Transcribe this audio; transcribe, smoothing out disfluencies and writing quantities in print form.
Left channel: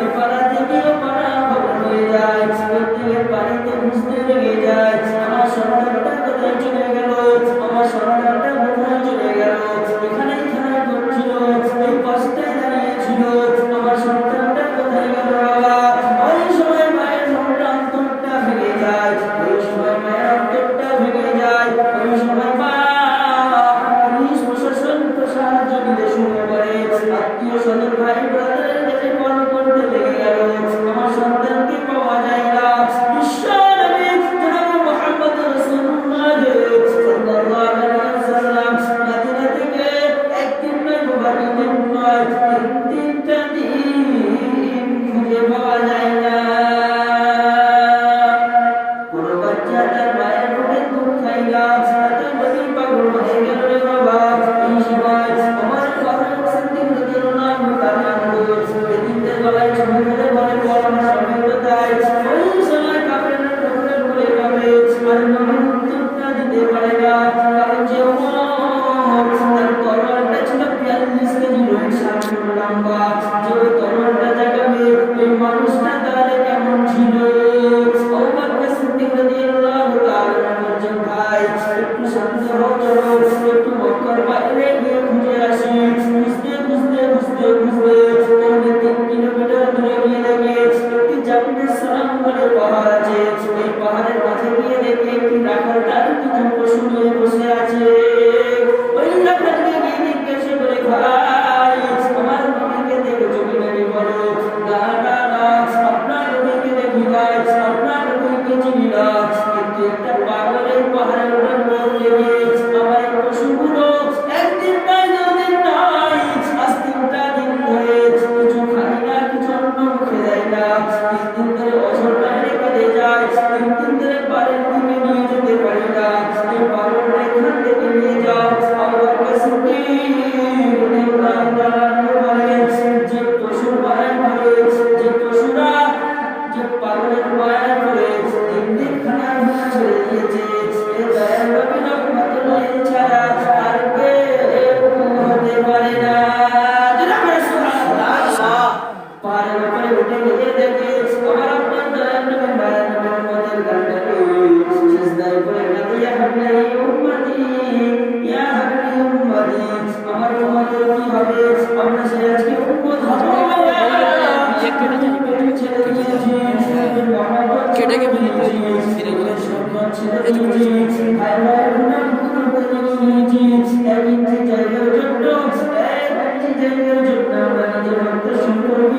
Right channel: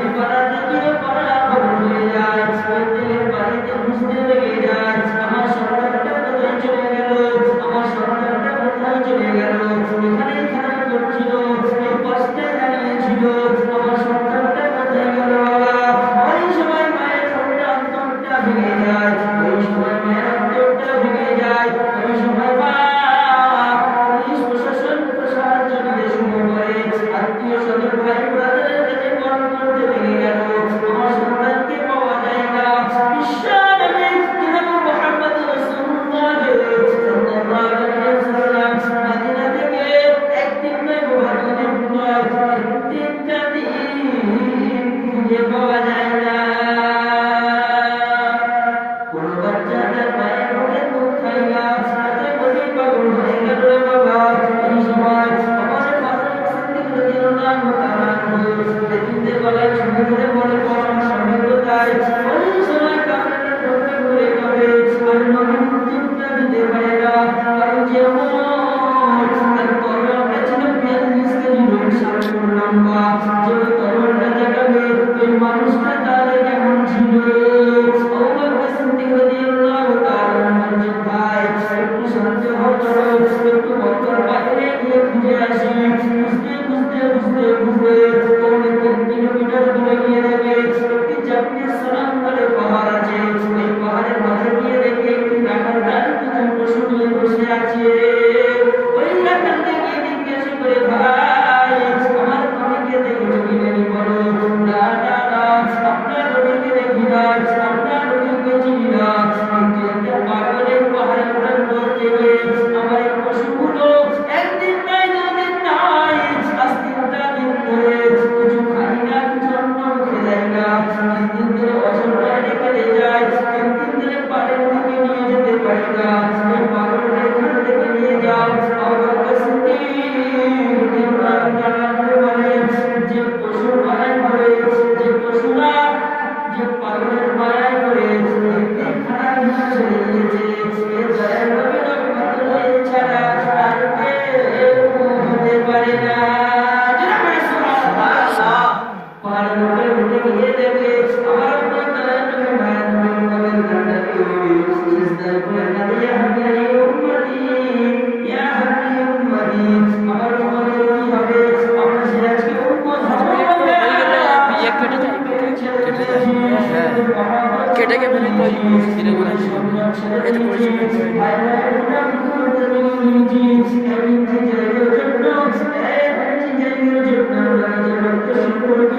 এই পাড়া থেকে ও পাড়া খবর হয়ে যায়, প্রত্যেকের বাড়িতে বুঝতে লেগে যায় আমার সন্তানটা কোথায় চলে গেল, আমার সন্তানটা কোথায় চলে গেল। এখানেই খেলা করছিল, এই পাশটায় দাঁড়িয়েছিল, আমার সন্তানটা কোথায় গেল বাবা। ওই সময় মায়ের মনটা অন্তরটা ভেঙে যায়, ওই সময় মায়ের অন্তরটা ভেঙে যায়। ওই সময় মা পুলিশ প্রশাসন সাহায্য নিতে শুরু করে, আত্মীয় স্বজন ভাই ব্রাদারের কাছে কল করতে লেগে গেল। আমার সন্তানকে পাওয়া যায় না। বিশ্ব নবী জনাব মুহাম্মদ রাসূলুল্লাহ সাল্লাল্লাহু আলাইহি ওয়াসাল্লাম মদিনা থেকে একদিন নয় বারো দিন নয়, তিনটা দিন খুঁজে পাওয়া যায় না। কোনো বাচ্চা তার মায়ের বুকে দুধ খায় না, তাতে বলি পাগল হয়ে গেল রে বাবা। এই সময় আমার ফারুক সিদ্দিক রাদিয়াল্লাহু তাআলা এদিনদের গলায় ছুঁয়ে ধরে বলে স্বামী কোথায়। ওই সময় কাপড়ের টুকরা করে কাঁপে আর নবীর উত্তরটা দিতে পারে না, কারণ যে তার তলোয়ারটা ছিল ৪২ কেজি সামনে লম্বা, যে তলোয়ারটা জাগাবে ওই মানুষটা তার কেমন ছিল। আবু বকর সিদ্দিক রাদিয়াল্লাহু তাআলা বলছেন ভাই একটু সন্দেহ করো, একটু মক্কার বাইরে গিয়ে খুঁজে আসি। খুঁজতে খুঁজতে খুঁজতে খুঁজতে পৌনে ৩ কিলোমিটার দূরে গিয়ে দেখে একটি চারটে সালাম বলে পাহাড় আছে। এই পাহাড়ের মাঝে গিয়ে দেখে একটি রাখালদার কিছু পশু নিয়ে বসে আছে। ওই রাখালকে গিয়ে জিজ্ঞাসা করে ভাই আমার নবীকে দেখেছো কি নাকি বলো। না না না আপনার নবীকে দেখি না, আপনার নবীকে চিনি না, কিন্তু একটা পাগলের পাহাড়ের উপর পড়তে গিয়ে আমার এই পশুগুলো একদিন নয় দুদিন নয় আজ ৩টা দিন ধরে কিছু খাই না, কিছু অন্য মুখে যায় না। ৩ দিন ধরে অজরটা রেখে যায়, ৩ দিন ধরে পাড়ের দিকে নিয়ে যেতে পারি না। এই পাগলটা এখান থেকে নিয়ে যাও। আবু বকর সিদ্দিক রাদিয়াল্লাহু তাআলা বলেন যে পশুর মায়ায় পড়ে, যে পশুরা যে পাগলের মায়ায় পড়ে দিন খানা চলে গিয়েছে, এ দয়ার নবী রহমতুল্লাহ ছাড়া আর কেউ হতে পারে না। পাহাড়ের উপরে উঠে গিয়ে দেখে আমার আপনার দয়ার নবী মায়ার নবী উম্মতের গানটাকে সিজদায় পড়ে কাঁদে, ইয়া হাবিবি উম্মতি ইয়া হাবিবি উম্মতি। আমার উম্মতের কি হবে, আমরা সে আজকে উম্মত হব কেটে কে ফেলে